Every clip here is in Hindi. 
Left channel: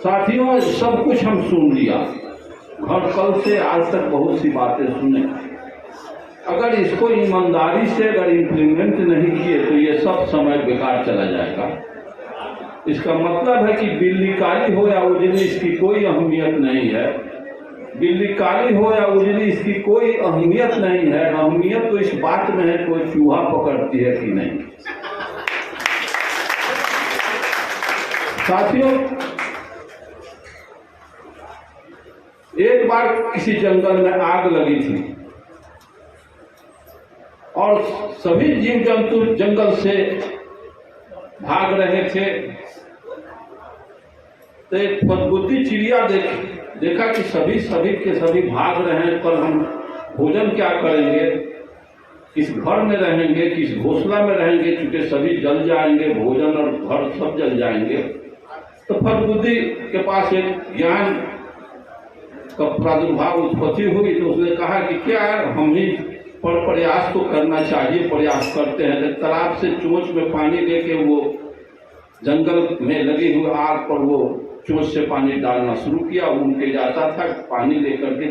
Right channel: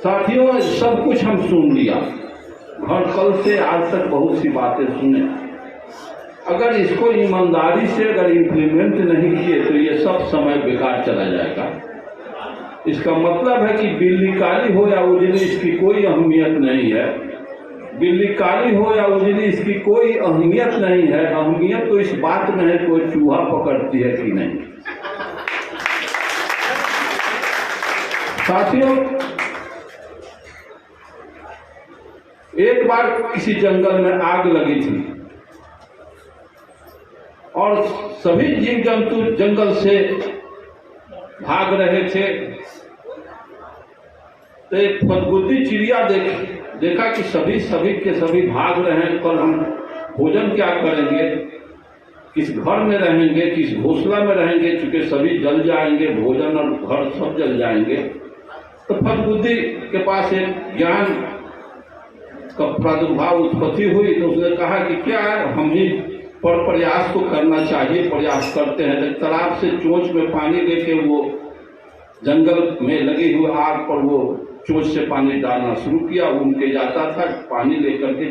साथियों, सब कुछ हम सुन लिया और कल से आज तक बहुत सी बातें सुने। अगर इसको ईमानदारी से अगर इम्प्लीमेंट नहीं किए तो ये सब समय बेकार चला जाएगा। इसका मतलब है कि बिल्ली काली हो या उजली, इसकी कोई अहमियत नहीं है। बिल्ली काली हो या उजली, इसकी कोई अहमियत नहीं है। अहमियत तो इस बात में है कोई चूहा पकड़ती है कि नहीं। साथियों, एक बार किसी जंगल में आग लगी थी और सभी जीव जंतु जंगल से भाग रहे थे। तो एक फदबुद्धी चिड़िया देखा कि सभी के सभी भाग रहे हैं, पर हम भोजन क्या करेंगे, किस घर में रहेंगे, किस घोंसला में रहेंगे, चूंकि सभी जल जाएंगे, भोजन और घर सब जल जाएंगे। तो फदबुद्धि के पास एक ज्ञान का प्रादुर्भाव उत्पत्ति हुई। तो उसने कहा कि क्या हम ही पर प्रयास तो करना चाहिए। प्रयास करते हैं। जब तालाब से चोंच में पानी लेके वो जंगल में लगी हुई आग पर वो चोंच से पानी डालना शुरू किया। उनके जाता था, पानी लेकर के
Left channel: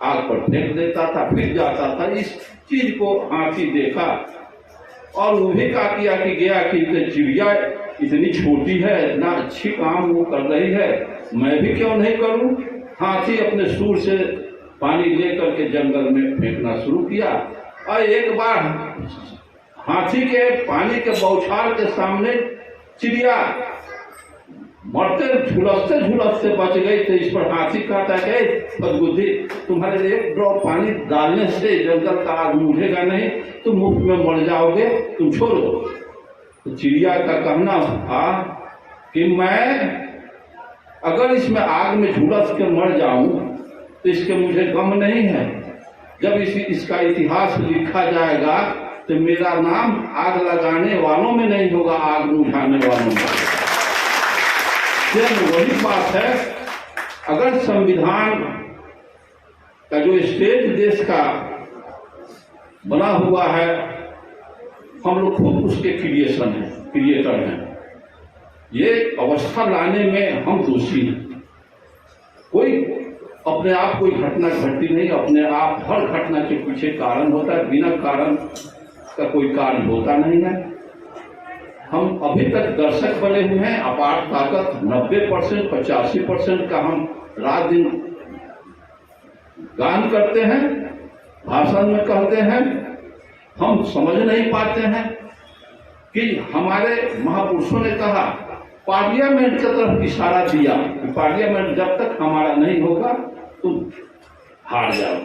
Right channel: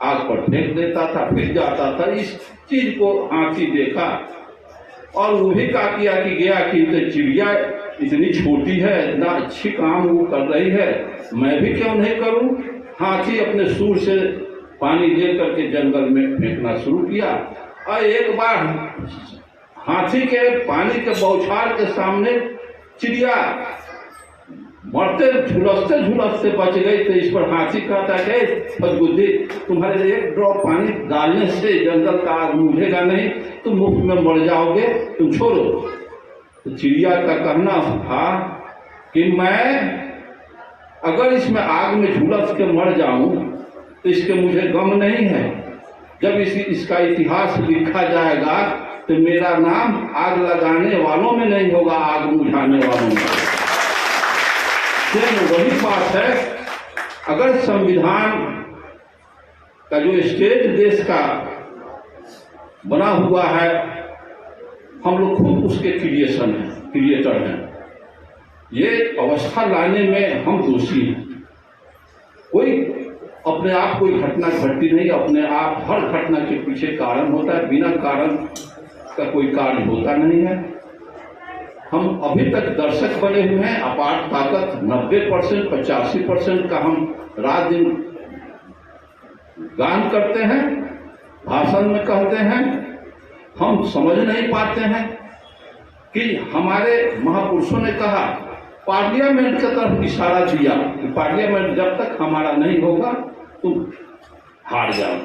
आग पर फेंक देता था, फिर जाता था। इस चीज को हाथी देखा और वो भी क्या किया कि गया कि चिड़िया इतनी छोटी है, इतना अच्छी काम वो कर रही है, मैं भी क्यों नहीं करूं। हाथी अपने सूर से पानी लेकर के जंगल में फेंकना शुरू किया और एक बार हाथी के पानी के बौछार के सामने चिड़िया मरते झुलसते बच गई। तो इस पर हाथी कहता है फदबुद्धि, तुम्हारे एक ड्रॉप पानी डालने से जंगल का आग बुझेगा नहीं, तुम मुफ्त में मर जाओगे, तुम छोड़ो। तो चिड़िया का कहना था कि मैं अगर इसमें आग में झुलस के मर जाऊं तो इसके मुझे गम नहीं है। जब इसका इतिहास लिखा जाएगा तो मेरा नाम आग लगाने वालों में नहीं होगा, आग बुझाने वालों में। वही बात है, अगर संविधान का जो स्टेज देश का बना हुआ है, हम लोग खुद उसके क्रिएटर हैं। ये अवस्था लाने में हम दोषी हैं। कोई अपने आप कोई घटना घटती नहीं, अपने आप हर घटना के पीछे कारण होता है। बिना कारण का कोई कार्य होता नहीं है। हम अभी तक दर्शक बने हुए हैं। अपार ताकत 90% 85% का हम रात दिन गान करते हैं, भाषण में कहते हैं। हम समझ नहीं पाते हैं कि हमारे महापुरुषों ने कहा, पार्लियामेंट की तरफ इशारा दिया कि पार्लियामेंट जब तक हमारा नहीं होगा तुम हार जाओ।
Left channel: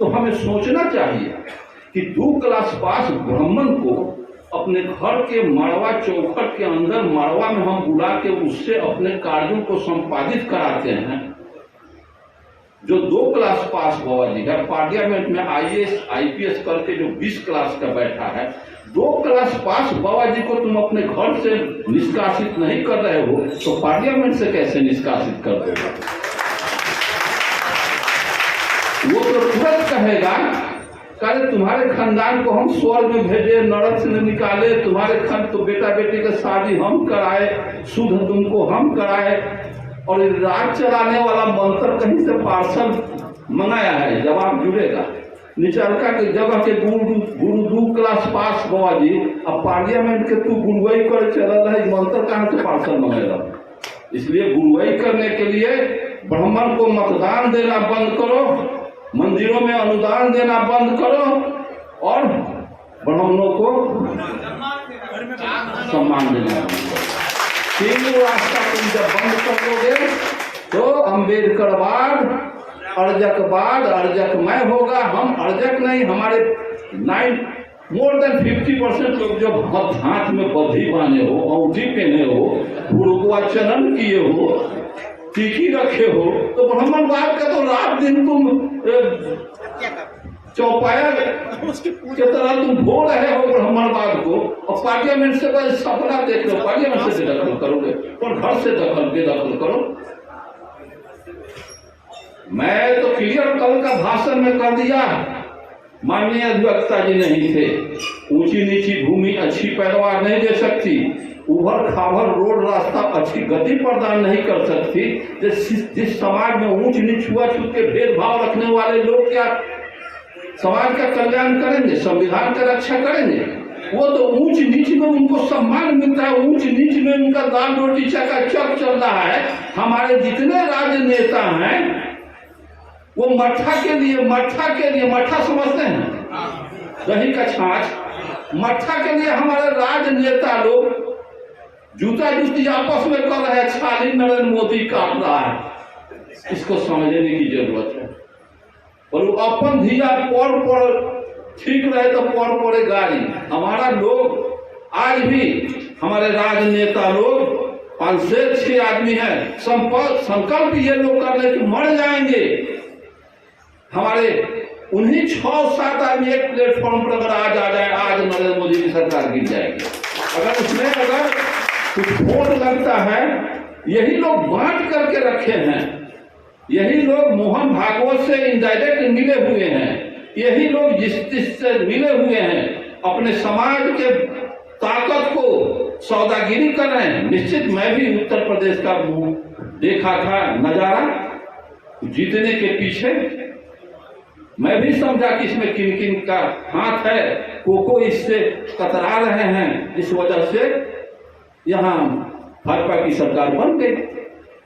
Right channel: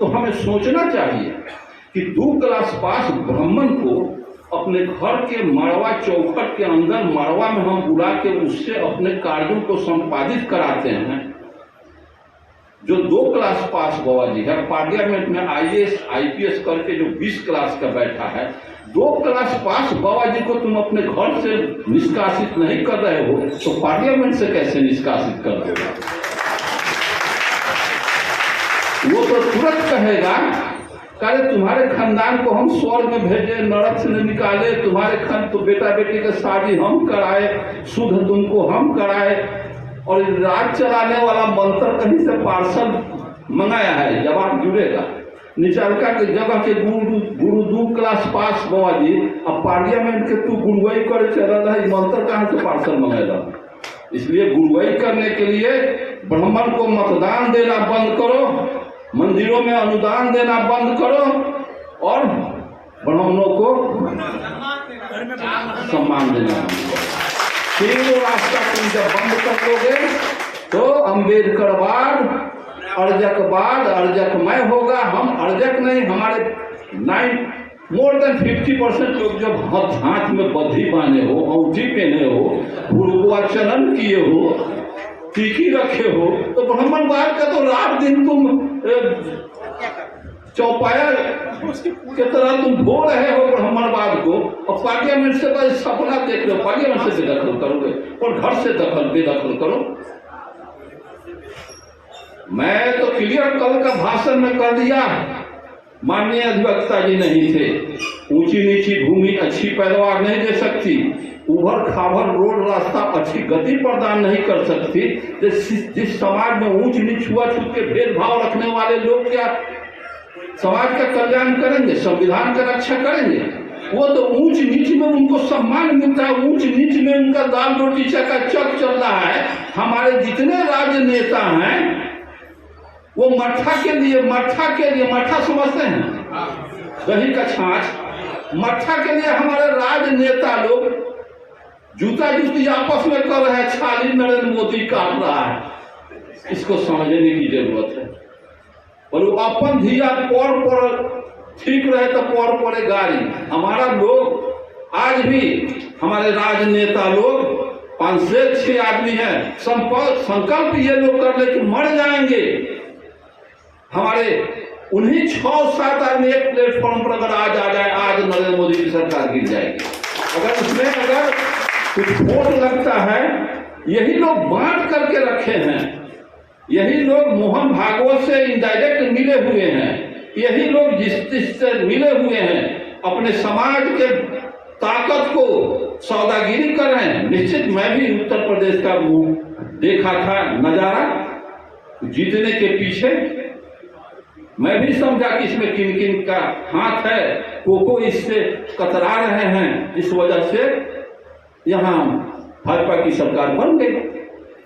तो हमें सोचना चाहिए कि 2 क्लास पास ब्राह्मण को अपने घर के मड़वा चौखट के अंदर मड़वा में हम बुला के उससे अपने कार्यों को संपादित कराते हैं। जो 2 क्लास पास बाबा जी है, पार्लियामेंट में IAS IPS करके जो 20 क्लास का बैठा है, 2 क्लास पास बाबा जी को तुम अपने घर से निष्कासित नहीं कर रहे हो तो पार्लियामेंट से कैसे निष्कासित कर दो। वो तो तुरंत कहेगा, कहे तुम्हारे खानदान को हम स्वर्ग में भेजे, नरक से निकाले, तुम्हारे खान तो बेटा बेटी की शादी हम कराए, शुद्ध तुमको हम कराए, और राज चलाने वाला मंत्र कहीं से पार्सल मंगाया है। जवाब जुड़ेगा। निचलका के जगह के गुरु 2 क्लास पास बाबा जी, अब पार्लियामेंट के तू गुरुवाई कर चल है, मंत्र कहाँ से पार्सल मंगेगा। इसलिए गुरुवाई करने के लिए ब्राह्मण को मतदान देना बंद करो, मंदिरों में अनुदान देना बंद करो और ब्राह्मणों को सम्मान देना। तीनों रास्ता तुम जब बंद कर दोगे तो अम्बेडकरवाद, अर्जकवाद, अर्जकमय होगा। हम अर्जक नहीं, हमारे मोर देन 50% लोग जो हाथ में बद्धी बांधे हो, औंठी पहने हो, गुरुआचरण किए हो, टीकी रखे हो, तो ब्राह्मणवाद का तो रात दिन तुम चौपाया के तरह तुम भो रहे हो ब्राह्मणवाद को। और पार्लियामेंट से बस सपना देख लो, पार्लियामेंट से बेदखल करोगे और घर से बेदखल करो। मैं तो क्लियर कल का भाषण में कर दिया माननीय अधिवक्ता जी नहीं थे। ऊंची नीची भूमि अच्छी पैदावार नहीं दे सकती, उभर खाभर रोड रास्ता अच्छी गति प्रदान नहीं कर सकती। जिस समाज में ऊंच नीच छुआछूत के भेदभाव रखने वाले लोग क्या समाज का कल्याण करेंगे, संविधान का रक्षा करेंगे? वो तो ऊंच नीच में उनको सम्मान मिलता है, ऊंच नीच में उनका दाल रोटी चकाचक चल रहा है। हमारे जितने राजनेता हैं वो मट्ठा के लिए मट्ठा समझते हैं, दही का छाछ, मट्ठा के लिए हमारे राजनेता लोग जूता जूती आपस में कर रहे हैं, छाली नरेंद्र मोदी काट रहा है। इसको समझने की जरूरत है। और वो अपन धिया पर ठीक रहे तो पर गाड़ी। हमारा लोग आज भी हमारे राजनेता लोग 5 से 6 आदमी हैं, संकल्प ये लोग कर ले कि मर जाएंगे। हमारे उन्हीं 6-7 आदमी एक प्लेटफॉर्म पर अगर आज आ जाए, आज नरेंद्र मोदी की सरकार गिर जाएगी। अगर उसमें अगर कुछ वोट लगता है, यही लोग बांट करके रखे हैं, यही लोग मोहन भागवत से इनडायरेक्ट मिले हुए हैं, यही लोग जिससे मिले हुए हैं, अपने समाज के ताकत को सौदागिरी कर रहे हैं। निश्चित मैं भी उत्तर प्रदेश का देखा था नजारा जीतने के पीछे, मैं भी समझा कि इसमें किन किन का हाथ है, को इससे कतरा रहे हैं, इस वजह से यहाँ भाजपा की सरकार बन गई।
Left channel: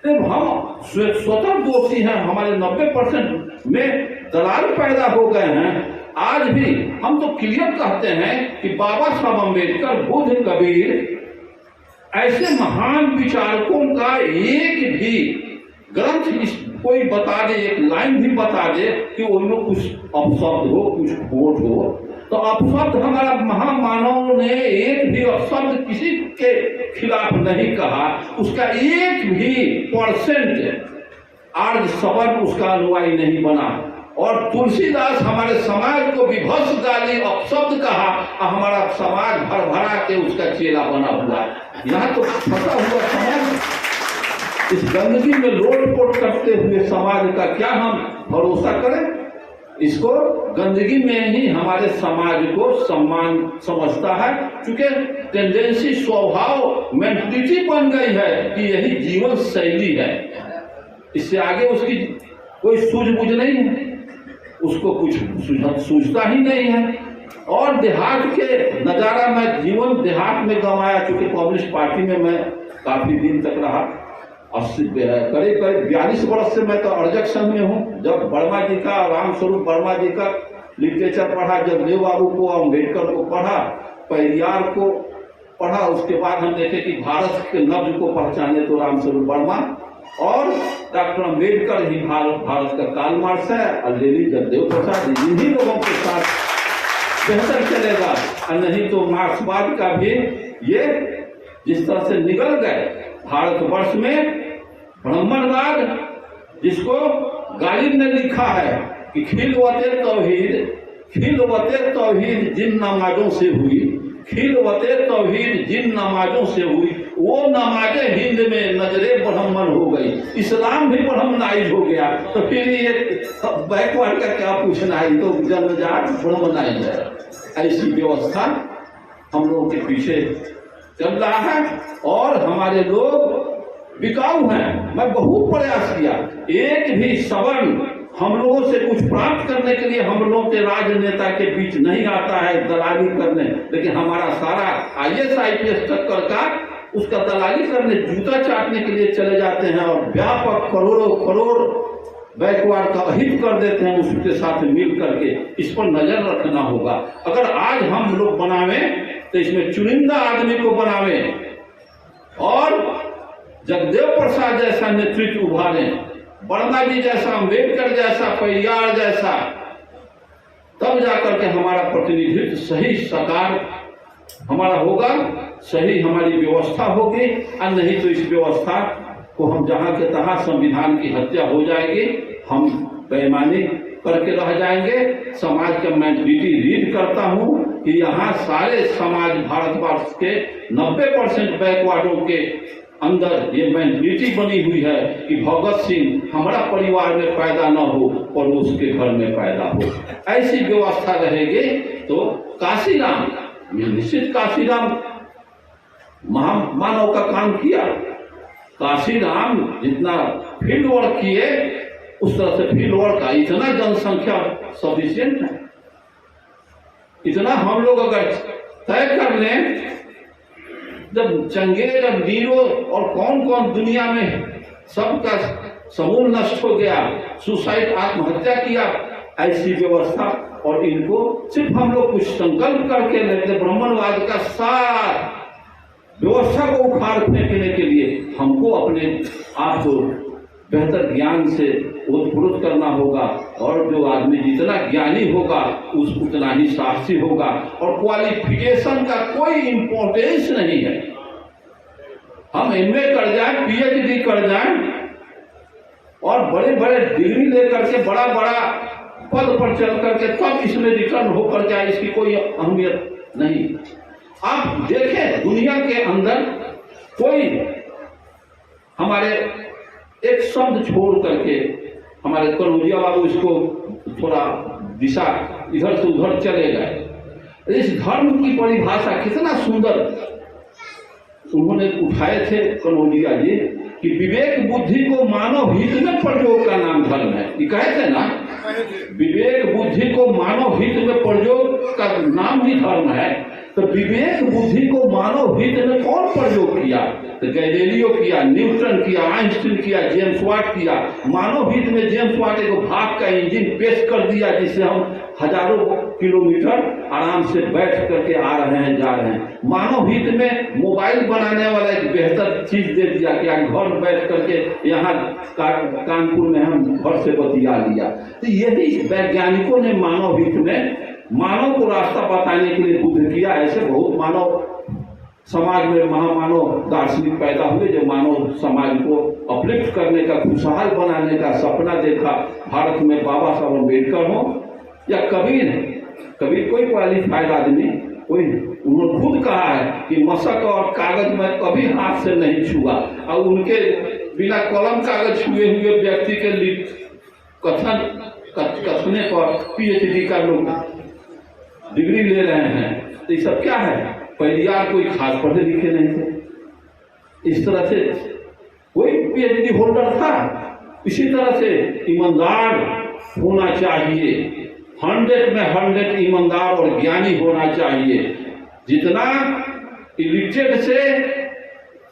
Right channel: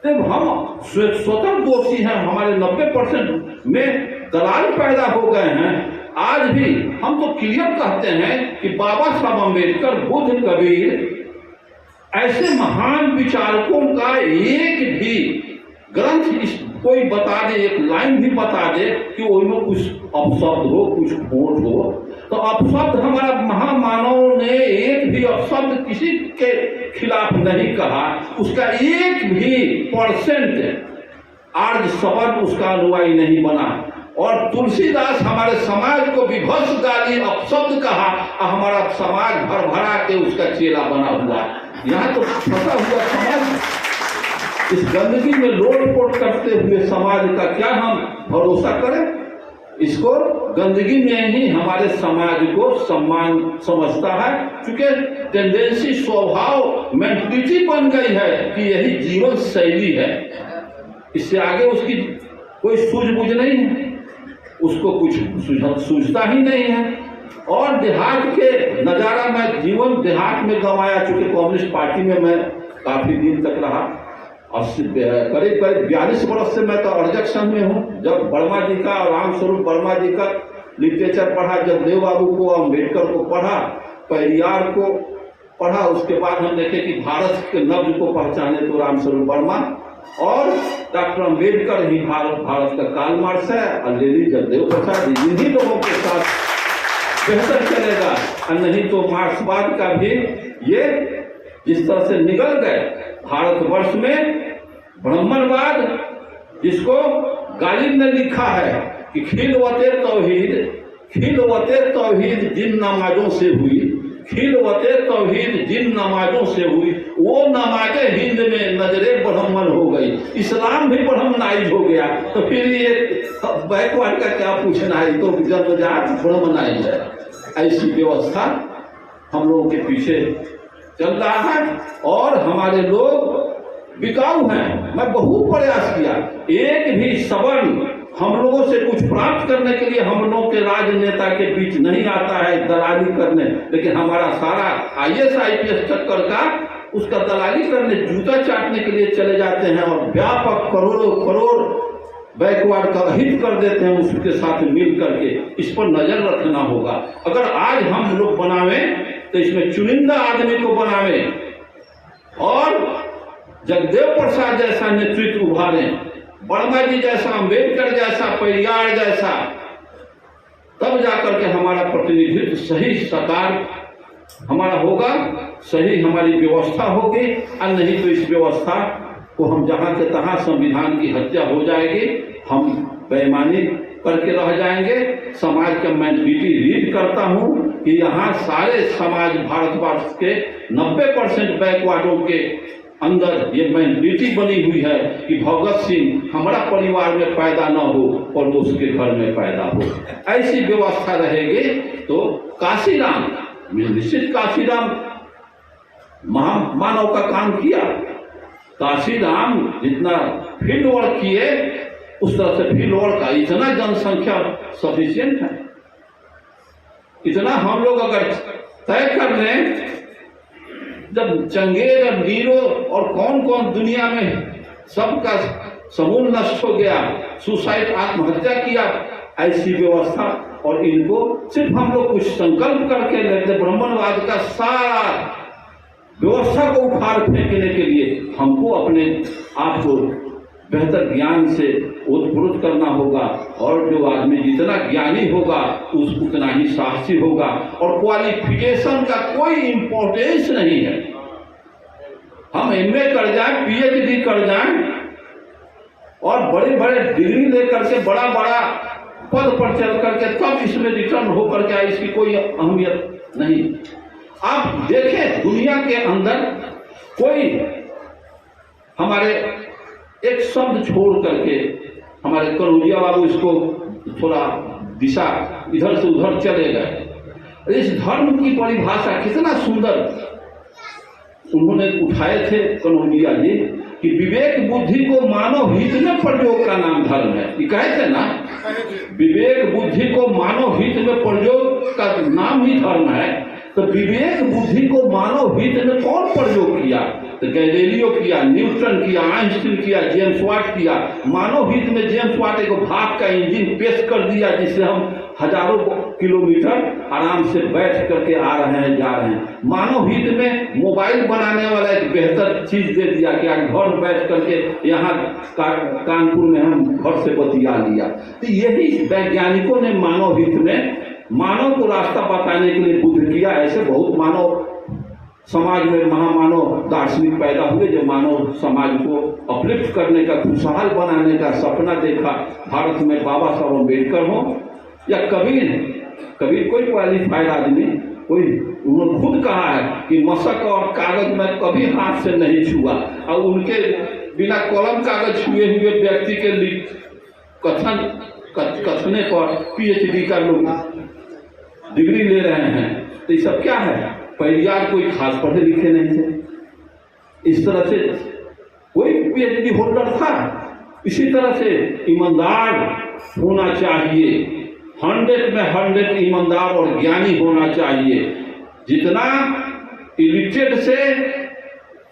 हम स्वतंत्र दोषी हैं, हमारे 90% में दलाल पैदा हो गए हैं। आज भी हम तो क्लियर कहते हैं कि बाबा साहब अम्बेडकर, बुद्ध, कबीर ऐसे महान विचारकों का एक भी ग्रंथ कोई बता दे, एक लाइन भी बता दे कि उनमें कुछ अपशब्द हो, कुछ खोट हो। तो अपशब्द हमारा महामानव ने एक भी अपशब्द किसी के खिलाफ नहीं कहा, उसका एक भी % आर्य शब्द उसका अनुयायी नहीं बना। और तुलसीदास हमारे समाज को विभत्स गाली अपशब्द कहा, हमारा समाज भर भरा के उसका चेला बना हुआ। यहाँ तो फंसा हुआ समाज, इस गंदगी में लोट-पोट करते हुए समाज का क्या हम भरोसा करें? इसको गंदगी में ही हमारे समाज को सम्मान समझता है, क्योंकि टेंडेंसी, स्वभाव, मेंटलिटी बन गई है कि यही जीवन शैली है। इससे आगे उसकी कोई सूझबूझ नहीं है, उसको कुछ सूझता ही नहीं है। और देहात के नजारा में जीवन देहात में गंवाया, चूंकि कम्युनिस्ट पार्टी में मैं काफी दिन तक रहा, करीब 42 वर्ष से मैं तो अर्जक संघ में हूँ। जब वर्मा जी का, रामस्वरूप वर्मा जी का लिटरेचर पढ़ा, जगदेव बाबू को, अम्बेडकर को पढ़ा, पेरियार को पढ़ा, उसके बाद हम देखे कि भारत के नब्ज को पहचाने तो रामस्वरूप वर्मा और डॉक्टर अम्बेडकर ही भारत का काल मार्क्स है, और लेडी जगदेव प्रसाद, इन्हीं लोगों के साथ बेहतर चलेगा। और नहीं तो मार्क्सवाद का भी ये जिस तरह से निकल गए भारतवर्ष में, ब्राह्मणवाद जिसको गालिब ने लिखा है कि खिलवते तौहीद जिन नमाजों से हुई, खिलवते तौहीद जिन नमाजों से हुई, वो नमाजे हिंद में नजरे ब्राह्मण हो गई, इस्लाम भी ब्राह्मणाइज हो गया। तो फिर ये बैकवर्ड का क्या पूछना है, तो जन्मजात ब्राह्मणाइज है। ऐसी व्यवस्था हम लोगों के पीछे चल रहा है और हमारे लोग बिकाऊ हैं। मैं बहुत प्रयास किया, एक भी सवर्ण हम लोगों से कुछ प्राप्त करने के लिए हम लोगों के राजनेता के बीच नहीं आता है दलाली करने, लेकिन हमारा सारा IAS IPS टक्कर का उसका दलाली करने, जूता चाटने के लिए चले जाते हैं और व्यापक करोड़ों बैकवर्ड का हित कर देते हैं उसके साथ मिल करके। इस पर नजर रखना होगा। अगर आज हम लोग बनावे तो इसमें चुनिंदा आदमी को बनावे और जगदेव प्रसाद जैसा नेतृत्व उभारे, वर्मा जी जैसा, अम्बेडकर जैसा, पेरियार जैसा, तब जाकर के हमारा प्रतिनिधित्व सही साकार हमारा होगा, सही हमारी व्यवस्था होगी। और नहीं तो इस व्यवस्था को हम जहां के तहां संविधान की हत्या हो जाएगी, हम बेईमानी करके रह जाएंगे। समाज का मेंटलिटी रीड करता हूं कि यहाँ सारे समाज भारतवर्ष के 90% बैकवर्डों के अंदर ये मेंटलिटी बनी हुई है कि भगत सिंह हमारा परिवार में पैदा न हो और वो उसके घर में पैदा हो। ऐसी व्यवस्था रहेगी तो काशीराम, निश्चित काशीराम महामानव का काम किया। काशीराम जितना फील्ड वर्क किए उस तरह से फील्ड वर्क का इतना जनसंख्या सफिशिएंट है। इतना हम लोग अगर तय कर लें, जब चंगेज और नीरो और कौन कौन दुनिया में सबका समूह नष्ट हो गया, सुसाइड आत्महत्या किया, ऐसी व्यवस्था और इनको सिर्फ हम लोग कुछ संकल्प करके लेते ब्राह्मणवाद का सार व्यवस्था को उखाड़ फेंकने के लिए हमको अपने आप को बेहतर ज्ञान से ओतप्रोत करना होगा। और जो आदमी जितना ज्ञानी होगा उतना ही साहसी होगा। और क्वालिफिकेशन का कोई इंपॉर्टेंस नहीं है। हम एमए कर जाएं, पीएचडी कर जाएं और बड़े बड़े डिग्री लेकर के बड़ा बड़ा पद पर चल करके तब इसमें रिटर्न होकर के इसकी कोई अहमियत नहीं। आप देखें दुनिया के अंदर कोई हमारे एक शब्द छोड़ करके, हमारे कन्हैया बाबू इसको थोड़ा दिशा इधर से उधर चले गए। इस धर्म की परिभाषा कितना सुंदर उन्होंने उठाए थे कन्हैया जी कि विवेक बुद्धि को मानव हित में प्रयोग का नाम धर्म है। ये कहे थे ना, विवेक बुद्धि को मानव हित में प्रयोग का नाम ही धर्म है। तो विवेक बुद्धि को मानव हित में कौन प्रयोग किया? तो गैलीलियो किया, न्यूटन किया, आइंस्टीन किया, जेम्स वाट किया। मानव हित में जेम्स वाट एक भाग का इंजन पेश कर दिया जिससे हम हजारों किलोमीटर आराम से बैठ करके आ रहे हैं, जा रहे हैं। मानव हित में मोबाइल बनाने वाला एक बेहतर चीज दे दिया कि घर बैठ करके यहाँ कानपुर में हम घर से बतिया लिया। तो यही वैज्ञानिकों ने मानव हित में मानव को रास्ता बताने के लिए बुद्ध किया। ऐसे बहुत मानव समाज में महामानव दार्शनिक पैदा हुए जो मानव समाज को अपलिफ्ट करने का, खुशहाल बनाने का सपना देखा। भारत में बाबा साहब अम्बेडकर हो या कबीर कोई क्वालिफाइड आदमी कोई, उन्होंने खुद कहा है कि मशक और कागज में कभी हाथ से नहीं छुआ। और उनके बिना कलम कागज छुए हुए व्यक्ति के कथने पर पीएचडी का लोग डिग्री ले रहे हैं। तो ये सब क्या है? परिवार कोई खास पढ़े लिखे नहीं थे। इस तरह से कोई पीएचडी होल्डर था। इसी तरह से ईमानदार होना चाहिए, 100 में 100 ईमानदार और ज्ञानी होना चाहिए। जितना इलिटरेट से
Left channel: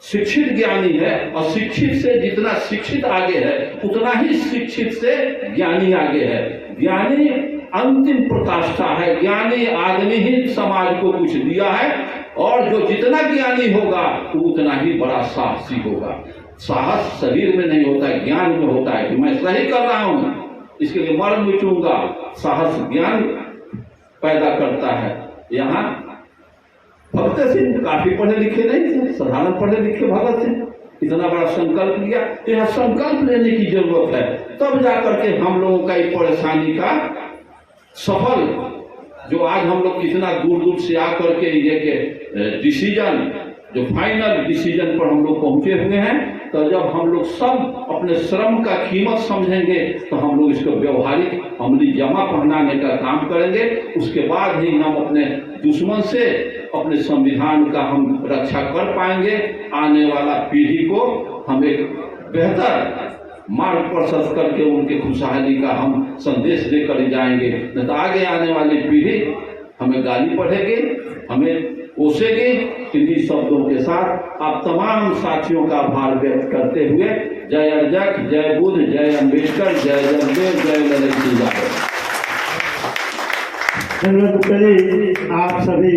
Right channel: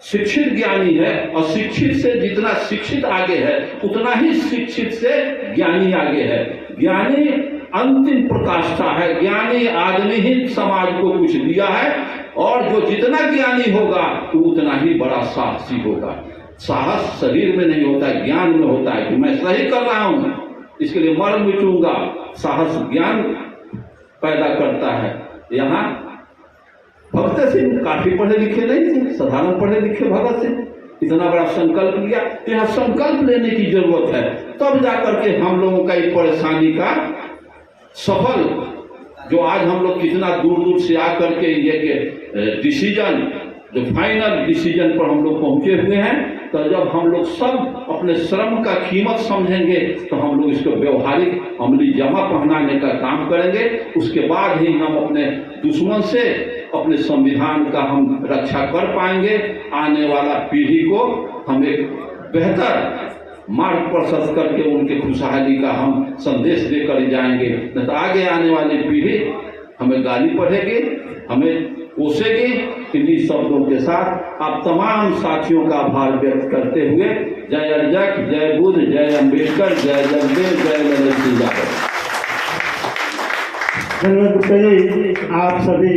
शिक्षित ज्ञानी है, अशिक्षित से जितना शिक्षित आगे है उतना ही शिक्षित से ज्ञानी आगे है। ज्ञानी अंतिम प्रकाष्ठा है। ज्ञानी आदमी ही समाज को कुछ दिया है। और जो जितना ज्ञानी होगा तो उतना ही बड़ा साहसी होगा। साहस शरीर में नहीं होता है, ज्ञान में होता है कि मैं सही कर रहा हूं, इसके लिए मर मिटूंगा। साहस ज्ञान पैदा करता है। यहाँ भगत सिंह काफी पढ़े लिखे नहीं थे, साधारण पढ़े लिखे भगत सिंह इतना बड़ा संकल्प लिया। यहाँ संकल्प लेने की जरूरत है, तब जाकर के हम लोगों का ये परेशानी का सफल, जो आज हम लोग कितना दूर दूर से आकर के ये डिसीजन, जो फाइनल डिसीजन पर हम लोग पहुंचे हुए हैं। तो जब हम लोग सब अपने श्रम का कीमत समझेंगे तो हम लोग इसको व्यवहारिक अमली जमा पहनाने का काम करेंगे। उसके बाद ही हम अपने दुश्मन से, अपने संविधान का हम रक्षा कर पाएंगे। आने वाला पीढ़ी को हम एक बेहतर मार्ग प्रशस्त करके उनके खुशहाली का हम संदेश देकर जाएंगे। नहीं तो आगे आने वाली पीढ़ी हमें गाली पढ़ेगी, हमें कोसेगी। इन्हीं शब्दों के साथ आप तमाम साथियों का आभार व्यक्त करते हुए जय अर्जक, जय बुद्ध, जय अम्बेडकर, जय जगदेव, जय ललित जी। आप सभी